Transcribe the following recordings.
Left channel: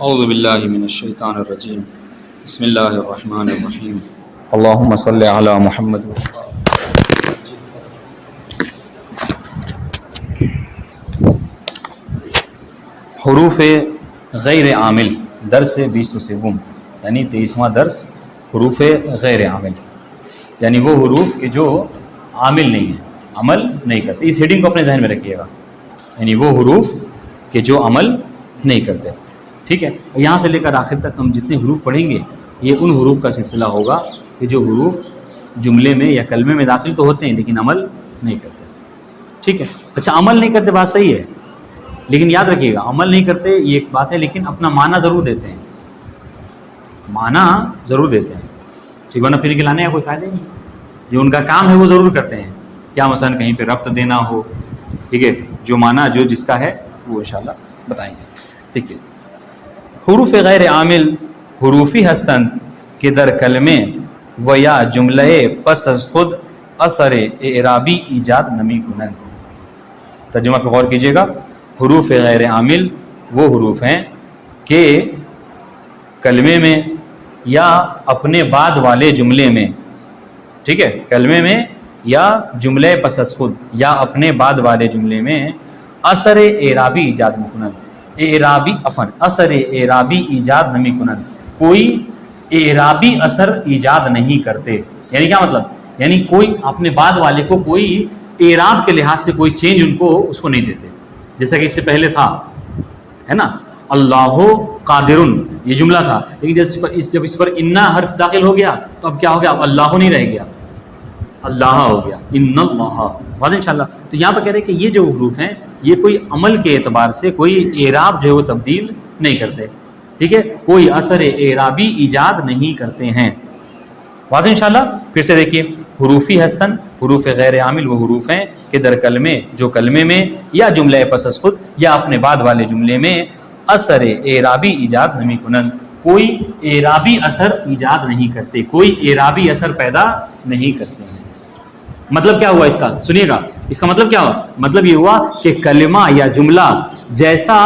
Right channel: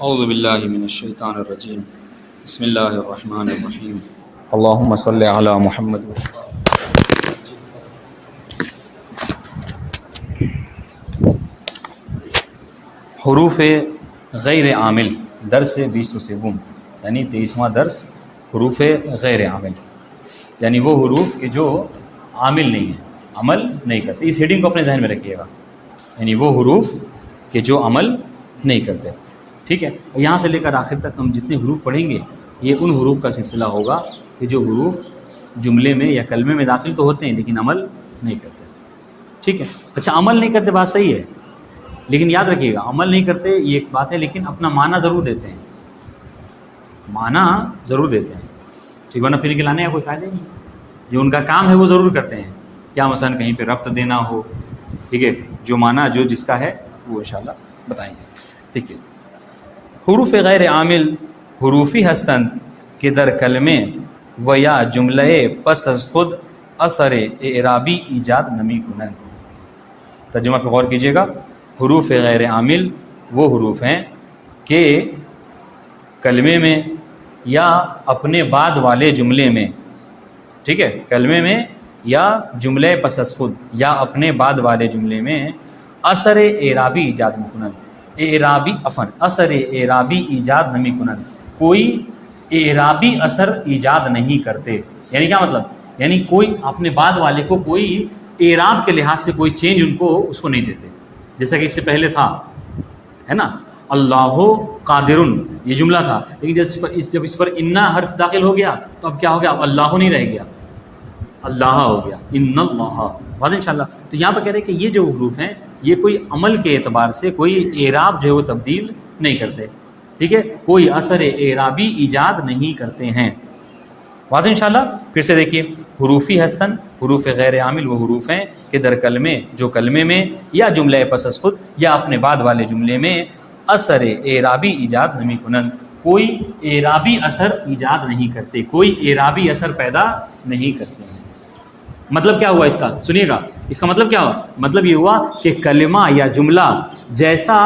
اعوذ باللہ من الشیطان الرجیم بسم اللہ الرحمن الرحیم اللہم صلی علی محمد. حروف غیر عامل درس 20 یعنی 23واں درس حروف غیر عامل، یعنی وہ حروف کے جو عامل نہیں ہیں، عمل نہیں کرتے. اس ہیڈنگ کو اپنے ذہن میں رکھیے گا، یعنی وہ حروف کے جو عمل نہیں کرتے. ٹھیک ہے، یہاں سے لے کر آخر تک ہم جتنے حروف پڑھیں گے یہ ان حروف کا سلسلہ ہوگا کہ جو حروف جملے میں یا کلمے میں داخل تو ہوتے ہیں لیکن عمل نہیں کرتے. ٹھیک ہے، اچھا عمل نہیں کرتے بات صحیح ہے، لیکن یاد رکھیے گا عمل نہیں کرتے یہ ایک بات ہے، لیکن اپنا معنی ضرور دیتے ہیں، معنی ضرور دیتے ہیں. ٹھیک ہے، نہ پھر لانے کا کوئی فائدہ نہیں، جو ان کا کام ہے وہ ضرور کرتے ہیں. کیا مثلا کہیں پہ ربط دینا ہو، ٹھیک ہے، جو معنی جو جس کا ہے وہ انشاءاللہ بتائیں گے. دیکھیے حروف غیر عامل حروفی ہستند کے در کلمے و یا جملہ پس از خود اثر اعرابی ایجاد نمی کنند. ترجمہ پہ غور کیجیے گا. حروف غیر عامل وہ حروف ہیں کہ کلمے میں یا اپنے بعد والے جملے میں، ٹھیک ہے، کلمے میں یا جملے پس از خود یا اپنے بعد والے جملے میں اثر اعرابی ایجاد مکنند، اثر اعرابی ایجاد نمی کنند، کوئی اعرابی اثر ایجاد نہیں کرتے. یعنی کیا مطلب؟ یعنی کوئی اپنے بعد والے کو کوئی اعراب کے لحاظ سے کوئی چینج اس کو نہیں دیتے. جیسا کہ اس سے پہلے تھا ہے نا اللہ قادرن، یہ جملہ تھا، لیکن جب اس پر انا حرف داخل ہو گیا تو اب کیا ہو گیا؟ اب اللہ نہیں رہ گیا، اللہ ہو گیا، ان اللہ. واضح انشاءاللہ. تو یہاں پر کہہ رہے ہیں کہ یہ جو حروف ہیں یہ کوئی عمل کے اعتبار سے کوئی اعراب جو ہے وہ تبدیل نہیں کرتے. ٹھیک ہے، کوئی اثر اعرابی ایجاد نہیں کرتے ہیں. واضح انشاءاللہ. پھر سے دیکھیے حروفی ہستن حروف غیر عامل وہ حروف ہیں کہ در کلمے جو کلمے میں یا جملہ پس از خود یا اپنے بعد والے جملے میں اثر اعرابی ایجاد نمی کنند، کوئی اعرابی اثر ایجاد نہیں کرتے، کوئی اعرابی اثر پیدا نہیں کرتے ہیں. مطلب کیا ہوا اس کا؟ سنیے گا. اس کا مطلب کیا ہوا؟ مطلب یہ ہوا کہ کلمہ یا جملہ جیسا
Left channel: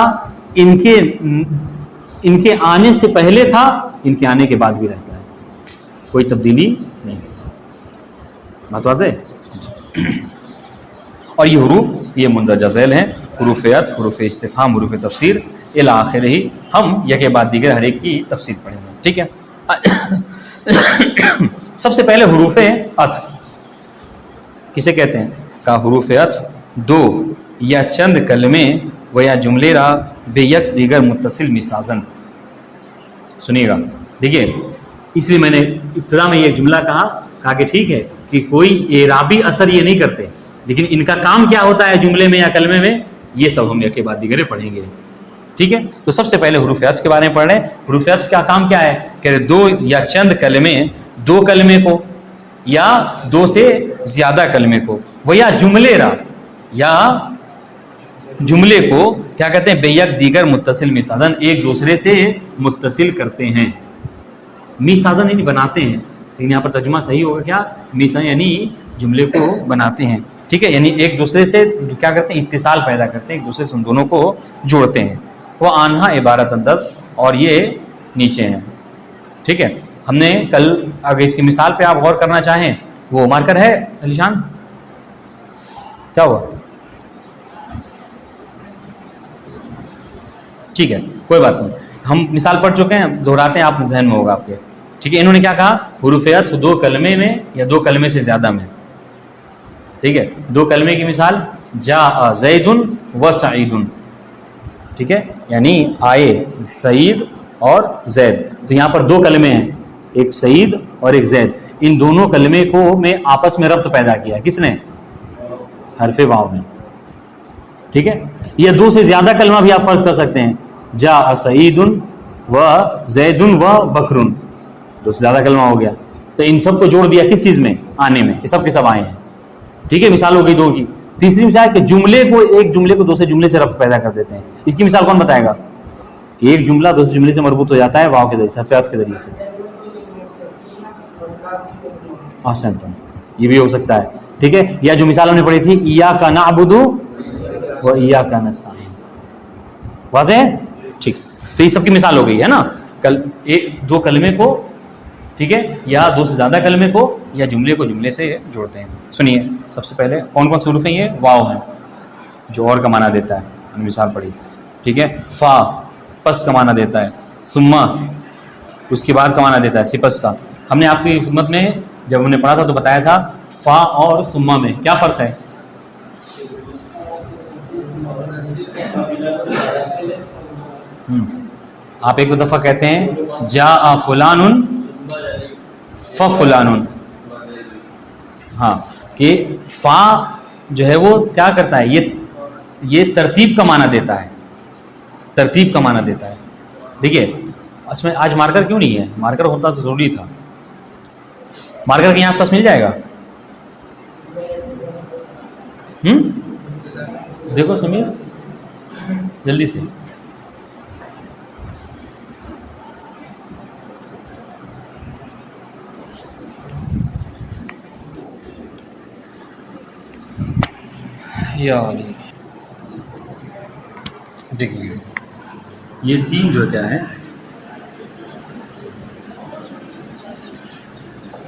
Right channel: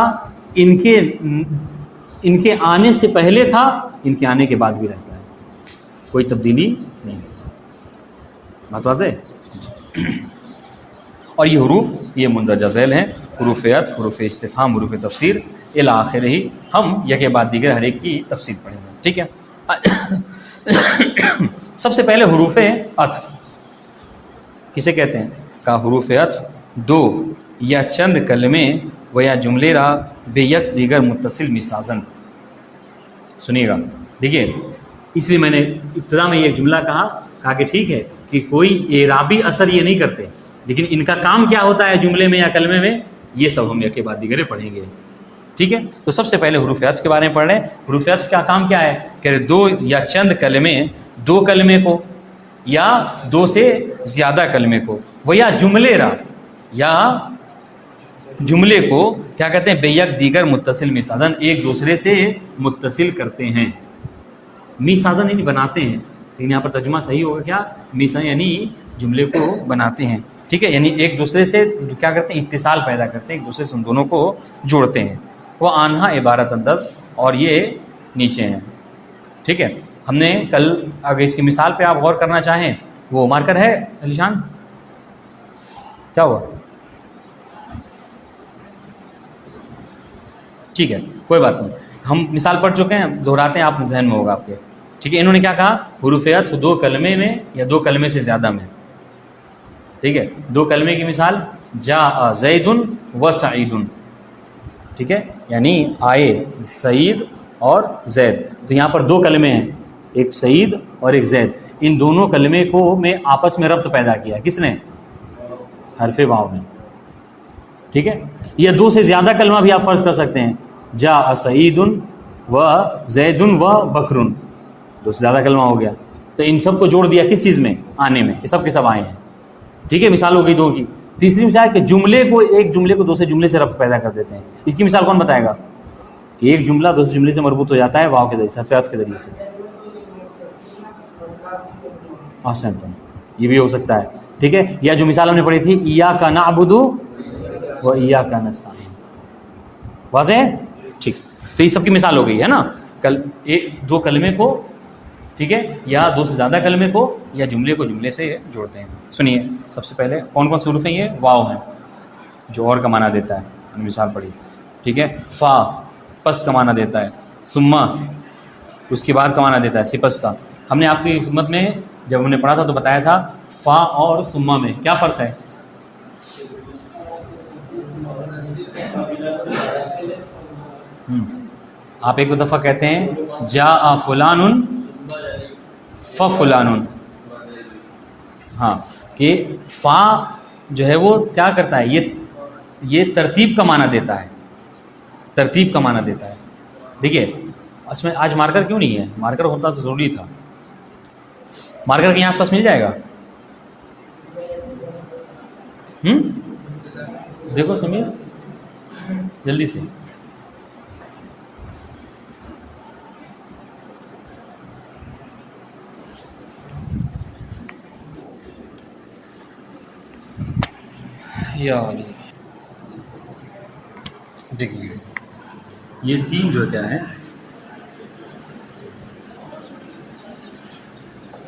ان کے آنے سے پہلے تھا ان کے آنے کے بعد بھی رہتا ہے، کوئی تبدیلی نہیں. بات واضح؟ اور یہ حروف یہ مندرجہ ذیل ہیں، حروف عطف، حروف استفہام، حروف تفسیر الی آخرہ. ہم یکے بعد دیگر ہر ایک کی تفسیر پڑھیں گے. ٹھیک ہے. سب سے پہلے حروف عطف کسے کہتے ہیں؟ کا حروف عطف دو یا چند کلمے و یا جملے را بے یک دیگر متصل مسازن. سنیے گا. دیکھیے اس لیے میں نے ابتدا میں یہ جملہ کہا کہ ٹھیک ہے کہ کوئی اعرابی اثر یہ نہیں کرتے، لیکن ان کا کام کیا ہوتا ہے جملے میں یا کلمے میں، یہ سب ہم ایک کے بعد دیگر پڑھیں گے. ٹھیک ہے. تو سب سے پہلے حروف عطف کے بارے میں پڑھ رہے ہیں. حروف عطف کا کام کیا ہے کہ دو یا چند کلمے، دو کلمے کو یا دو سے زیادہ کلمے کو وہ یا جملے را یا جملے کو کیا کہتے ہیں؟ بے یک دیگر متصل میسازن، ایک دوسرے سے متصل کرتے ہیں. میسازن یعنی بناتے ہیں، لیکن یہاں پر ترجمہ صحیح ہوگا کیا؟ میسازن یعنی جملے کو بناتے ہیں. ٹھیک ہے، یعنی ایک دوسرے سے کیا کرتے ہیں؟ اتصال پیدا کرتے ہیں، ایک دوسرے سے ان دونوں کو جوڑتے ہیں. وہ آنہا عبارت اندر اور یہ نیچے ہیں. ٹھیک ہے. ہم نے کل اگر اس کی مثال پہ آپ غور کرنا چاہیں، وہ مارکر ہے علی شان؟ کیا ہوا؟ ٹھیک ہے، کوئی بات نہیں، ہم مثال پڑھ چکے ہیں، دہراتے ہیں، آپ ذہن میں ہوگا آپ کے. ٹھیک ہے. انہوں نے کیا کہا؟ حروف عطف دو کلمے میں یا دو کلمے سے زیادہ میں. ٹھیک ہے. دو کلمے کی مثال جاء زید و سعید. ٹھیک ہے، یعنی آئے سعید اور زید. تو یہاں پر دو کلمے ہیں، ایک سعید اور ایک زید. ان دونوں کلمے کو میں آپس میں ربط پیدا کیا. کس نے؟ حرف واو نے. ٹھیک ہے. یہ دو سے زیادہ کلمہ بھی آپ فرض کر سکتے ہیں، جاء سعید و زید و بکر، دو سے زیادہ کلمہ ہو گیا. تو ان سب کو جوڑ دیا کس چیز میں؟ آنے میں. یہ سب کے سب آئے ہیں. ٹھیک ہے. مثال ہو گئی دو کی. تیسری مثال کہ جملے کو ایک جملے کو دوسرے جملے سے ربط پیدا کر دیتے ہیں. اس کی مثال کون بتائے گا؟ کہ ایک جملہ دوسرے جملے سے مربوط ہو جاتا ہے واو کے ذریعے سے، حرف عطف کے ذریعے سے. آسان، یہ بھی ہو سکتا ہے. ٹھیک ہے. یا جو مثال ہم نے پڑھی تھی ایاک نعبد و ایاک نستعین. واضح ہے؟ ٹھیک. تو یہ سب کی مثال ہو گئی ہے نا. ایک دو کلمے کو, ٹھیک ہے, یا دو سے زیادہ کلمے کو یا جملے کو جملے سے جوڑتے ہیں. سنیے سب سے پہلے کون کون سے حروف ہیں؟ یہ واو ہیں جو اور کا معنی دیتا ہے, ہم نے مثال پڑھی, ٹھیک ہے. فا پس کا معنی دیتا ہے. ثم اس کے بعد کا معنی دیتا ہے سپس کا. ہم نے آپ کی خدمت میں جب ہم نے پڑھا تھا تو بتایا تھا فا اور ثم میں کیا فرق ہے. آپ ایک دفعہ کہتے ہیں جاء فلان ففلان, ہاں, کہ فا جو ہے وہ کیا کرتا ہے, یہ ترتیب کا معنی دیتا ہے, ترتیب کا معنی دیتا ہے. دیکھیے اس میں آج مارکر کیوں نہیں ہے؟ مارکر ہوتا تو ضروری تھا. مارکر کہیں آس پاس مل جائے گا؟ دیکھو سمیر جلدی سے. دیکھیے یہ تین جو کیا ہے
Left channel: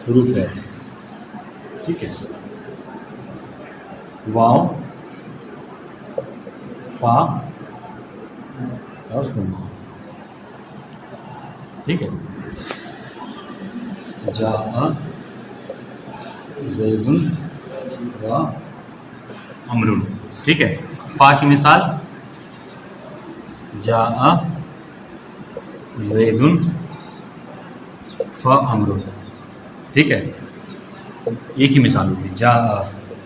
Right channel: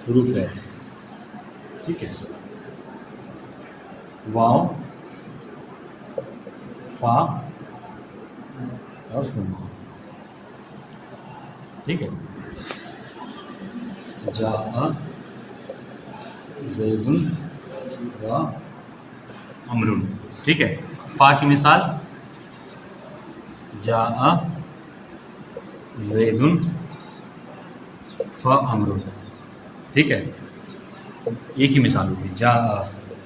حروف ہے, ٹھیک ہے. واو, فا اور ثم, ٹھیک ہے. جاء زید و عمر, ٹھیک ہے. فا کی مثال جاء زید فعمر, ٹھیک ہے. ایک ہی مثال ہوگی جاء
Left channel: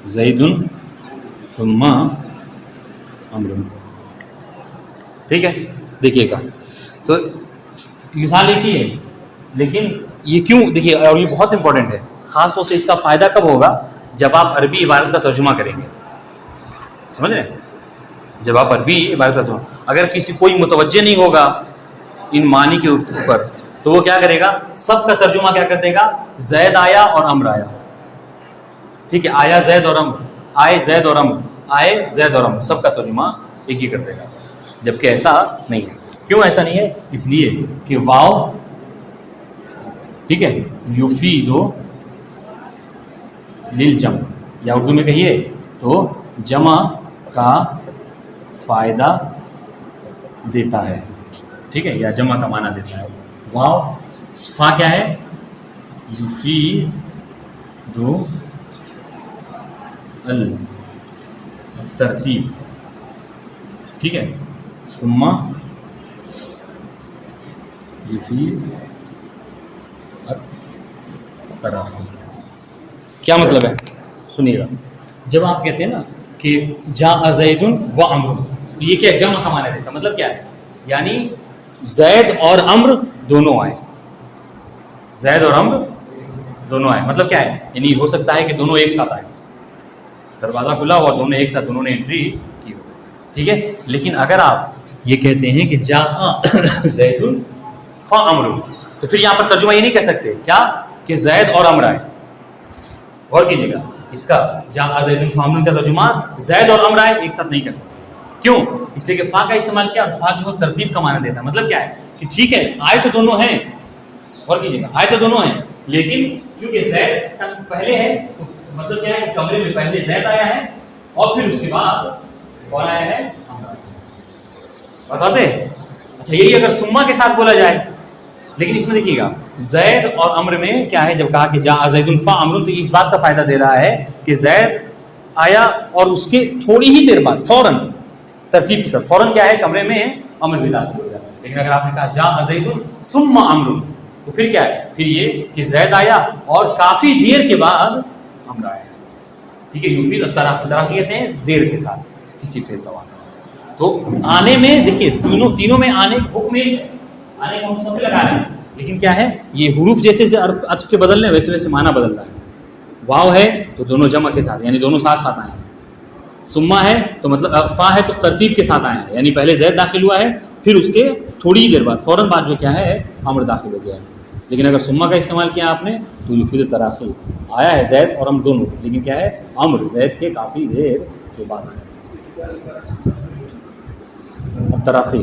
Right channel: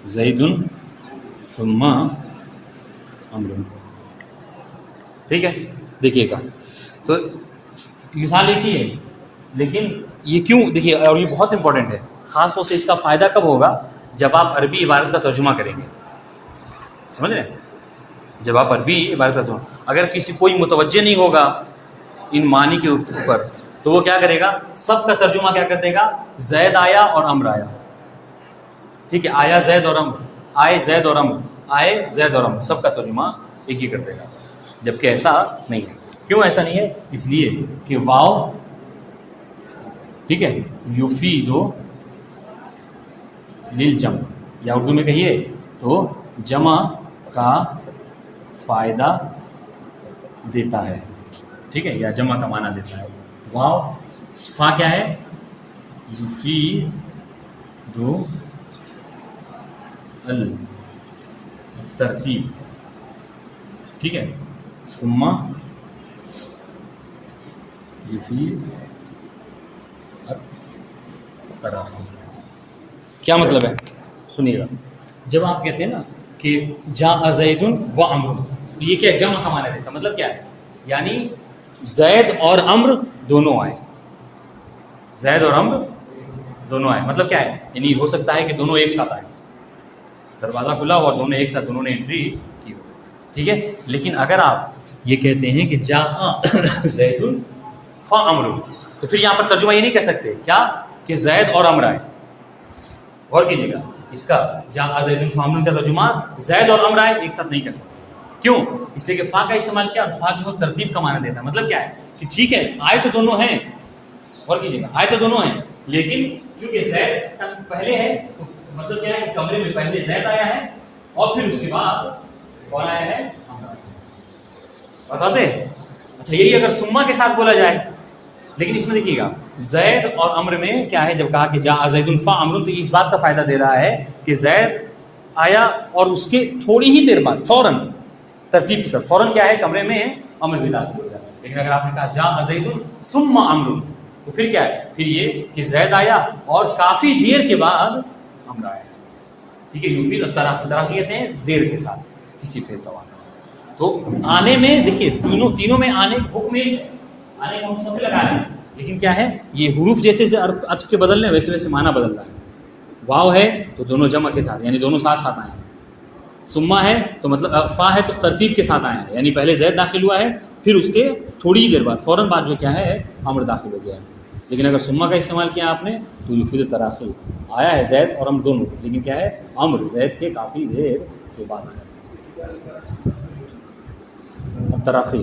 زید ثم عمر, ٹھیک ہے. دیکھیے گا تو مثال ایک ہی ہے, لیکن یہ کیوں, دیکھیے, اور یہ بہت امپورٹنٹ ہے. خاص طور سے اس کا فائدہ کب ہوگا؟ جب آپ عربی عبارت کا ترجمہ کریں گے. سمجھ رہے ہیں؟ جب آپ عربی عبارت کا ترجمہ, اگر کسی کوئی متوجہ نہیں ہوگا ان معنی کے اوپر تو وہ کیا کرے گا؟ سب کا ترجمہ کیا کر دے گا؟ زید آیا اور عمر آیا, ٹھیک ہے. آیا زید اور عمر, آئے زید اور عمر, آئے زید اور عمر, سب کا ترجمہ ایک ہی کر دے گا. جبکہ ایسا نہیں ہے. کیوں ایسا نہیں ہے؟ اس لیے کہ واو, ٹھیک ہے, یفید للجمع, یا اردو میں کہیے تو جمع کا فائدہ دیتا ہے, ٹھیک ہے, یا جمع کا معنی دیتا ہے. واو فا کیا ہے؟ یفید الترتیب, ٹھیک ہے. ثم یفید التراخی. کیا مطلب ہے؟ سنیے گا. جب آپ کہتے ہیں نا کہ جاء زید و عمر, یہ کیا جمع کا معنی دیتا ہے. مطلب کیا ہے؟ یعنی زید اور عمر دونوں آئے, زید اور عمر دونوں آئے. مطلب کیا ہے؟ یعنی ہو سکتا ہے کہ دونوں ایک ساتھ آئے, دروازہ کھلا ہوا, دونوں ایک ساتھ, دونوں نے انٹری کی, ٹھیک ہے. لیکن اگر آپ یہ کہتے ہیں کہ جاء زید فعمر, تو پھر یہاں پر ترجمہ یہ نہیں کہہ سکتے کیا کہ زید اور عمر آئے. غور کیجیے گا, اس کا جاء زید فعمر کا ترجمہ زید اور عمر آئے ایک ساتھ نہیں کر سکتے. کیوں؟ اس لیے کہ فا کا استعمال کیا, فا جو ترتیب کا معنی دیتا ہے. مطلب کیا ہے کہ ٹھیک ہے آئے تو دونوں ہیں, غور کیجیے گا, آئے تو دونوں ہیں, لیکن چونکہ زید پہلے ہے تو مطلب کیا ہے کہ کمرے میں پہلے زید آیا ہے اور پھر اس کے بعد کون آیا ہے؟ بتا دیں. اچھا یہی اگر ثم کے ساتھ بولا جائے, لیکن اس میں دیکھیے گا زید اور عمر میں کیا ہے, جب کہا کہ جاء زید فعمر تو اس بات کا فائدہ دے رہا ہے کہ زید آیا اور اس کے تھوڑی ہی دیر بعد فوراً ترتیب کے ساتھ فوراً کیا ہے چمڑے میں عمل بھی داخل ہو گیا. لیکن اگر آپ نے کہا جاء زید ثم عمرو تو پھر کیا ہے؟ پھر یہ کہ زید آیا اور کافی دیر کے بعد عمر آیا. ٹھیک ہے, یفید التراخی کہتے ہیں دیر کے ساتھ کسی فعل کا واقعہ. تو آنے میں دیکھیے تینوں میں آنے حکم ایک ہے, آنے کا ہم سب لگا رہے ہیں, لیکن کیا ہے یہ حروف جیسے عطف کے بدل رہے ہیں ویسے ویسے معنی بدل رہا ہے. واو ہے تو دونوں جمع کے ساتھ یعنی دونوں ساتھ ساتھ آئے ہیں. ثم ہے تو مطلب فا ہے تو ترتیب کے ساتھ آئے ہیں, یعنی پہلے زید داخل ہوا ہے پھر اس کے تھوڑی ہی دیر بعد فوراً بعد جو کیا ہے عمر داخل ہو گیا ہے. لیکن اگر ثم کا استعمال کیا آپ نے تو یفید التراخی آیا ہے زید اور عمر دونوں, لیکن کیا ہے عمر زید کے کافی دیر کے بعد آیا. التراخی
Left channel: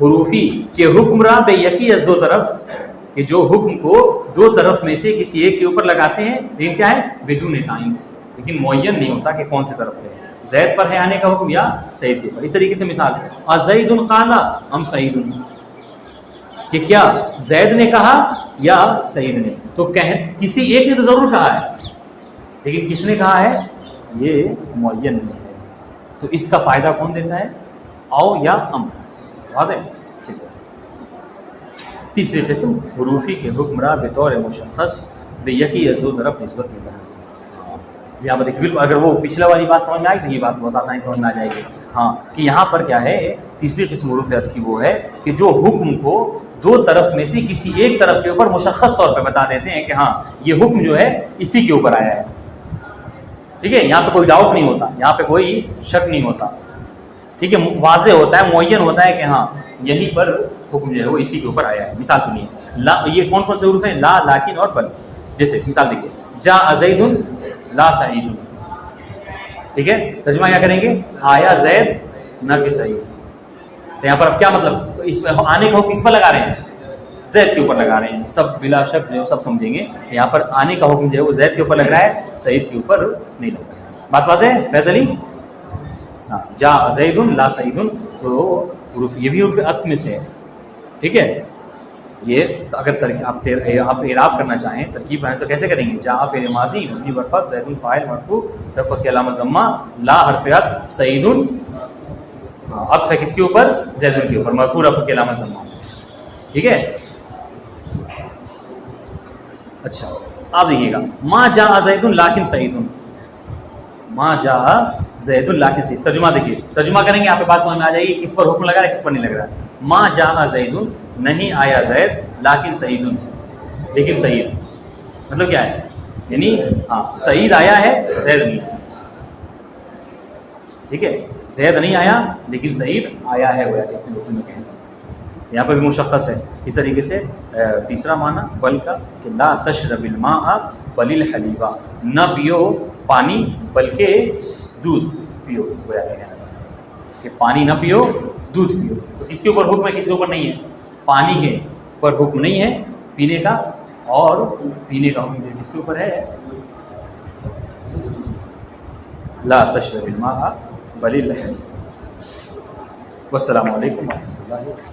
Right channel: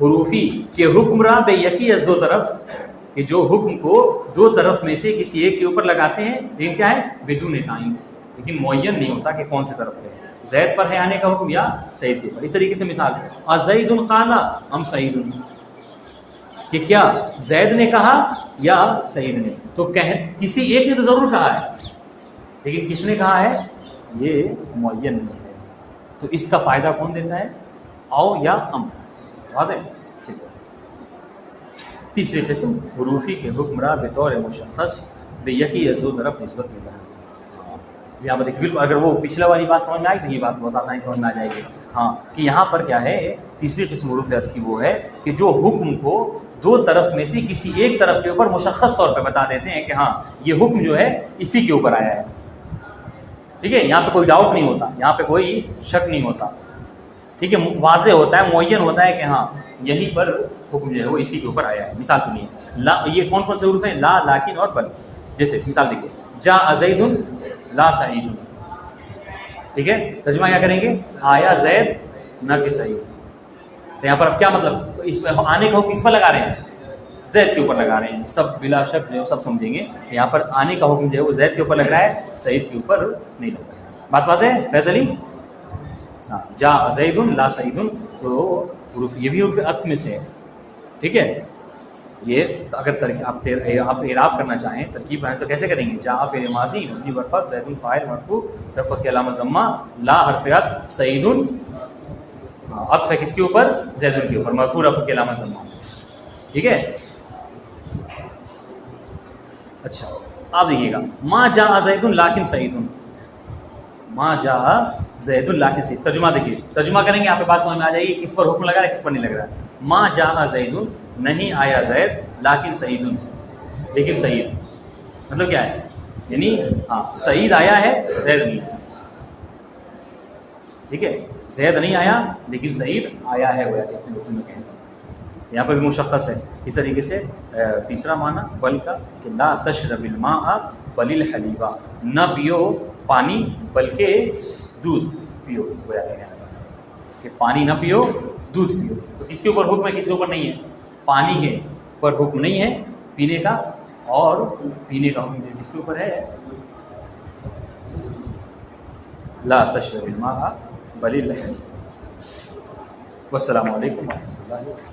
حروفی کہ حکم را بے یکی از دو طرف، کہ جو حکم کو دو طرف میں سے کسی ایک کے اوپر لگاتے ہیں، لیکن کیا ہے بدون تعین، لیکن معین نہیں ہوتا کہ کون سی طرف ہے، زید پر ہے آنے کا حکم یا سعید کے اوپر. اس طریقے سے مثال ہے ازید قال ام سعید، کہ کیا زید نے کہا یا سعید نے. تو کسی ایک نے تو ضرور کہا ہے، لیکن کس نے کہا ہے یہ معین نہیں ہے. تو اس کا فائدہ کون دیتا ہے، او یا ام. واضح. تیسری قسم حروفی کے حکم را بطور مشخص بے یکی از دو طرف نسبت میں. یہاں پر دیکھیے، بالکل اگر وہ پچھلا والی بات سمجھ میں آئی تو یہ بات بہت آسانی سمجھ میں آ جائے گی. ہاں کہ یہاں پر کیا ہے، تیسری قسم حروف عطف کی وہ ہے کہ جو حکم کو دو طرف میں سے کسی ایک طرف کے اوپر مشخص طور پہ بتا دیتے ہیں کہ ہاں یہ حکم جو ہے اسی کے اوپر آیا ہے. ٹھیک ہے، یہاں پہ کوئی ڈاؤٹ نہیں ہوتا، یہاں پہ کوئی شک نہیں ہوتا. ٹھیک ہے، واضح ہوتا ہے، معین ہوتا ہے کہ ہاں یہیں پر حکم جو ہے وہ اسی کے اوپر آیا ہے. مثال سنیے، لا، یہ کون کون سے حروف ہیں، لا، لیکن اور بل. جیسے مثال دیکھیے، جاء زید لا سعید. ٹھیک ہے، ترجمہ کیا کریں گے، آیا زید نہ کہ سعید. تو یہاں پر اب کیا مطلب، اس میں آنے کا حکم کس پر لگا رہے ہیں، زید کے اوپر لگا رہے ہیں. سب بلا شک جو سب سمجھیں گے یہاں پر آنے کا حکم جو ہے وہ زید کے اوپر لگ رہا ہے، سعید کے اوپر نہیں لگ رہا ہے. بات واضح ہے فیض علی؟ ہاں، جاء زید لا سعید، تو حروف یہ بھی حروف عطف میں سے ہے. ٹھیک ہے، یہ اگر آپ اعراب کرنا چاہیں، ترکیب بنائیں تو کیسے کریں گے، جاء فعل ماضی مبنی بر فتح، زید فاعل مرفوع رفع کی علامت ضمہ، لا حرف عطف، سعید عطف ہے کس کے اوپر، زید کے اوپر، مرفوع رفع کی علامت ضمہ. ٹھیک ہے. اچھا آپ دیکھیے گا، ما جاء زید لیکن سعید، ما جاء زید لیکن سعید. ترجمہ دیکھیے، ترجمہ کریں گے آپ کے پاس سمجھ میں آ جائے گی کس پر حکم لگا رہا ہے کس پر نہیں لگ رہا ہے. ما جاء زید، نہیں آیا زید، لیکن سعید، لیکن سعید مطلب کیا ہے، یعنی ہاں سعید آیا ہے زید نہیں. ٹھیک ہے، زید نہیں آیا لیکن سعید آیا ہے، یہاں پر بھی مشخص ہے. اس طریقے سے تیسرا معنی بل کا، کہ لا تشرب الماء بل الحلیبا، نہ پیو پانی بلکہ دودھ پیو، کہ پانی نہ پیو دودھ پیو. تو کس کے اوپر حکم ہے، کس کے اوپر نہیں ہے، پانی کے اوپر حکم نہیں ہے پینے کا، اور پینے کا حکم کس کے اوپر ہے، لا تشرب الماء بل الحلیب. والسلام علیکم ورحمۃ اللہ.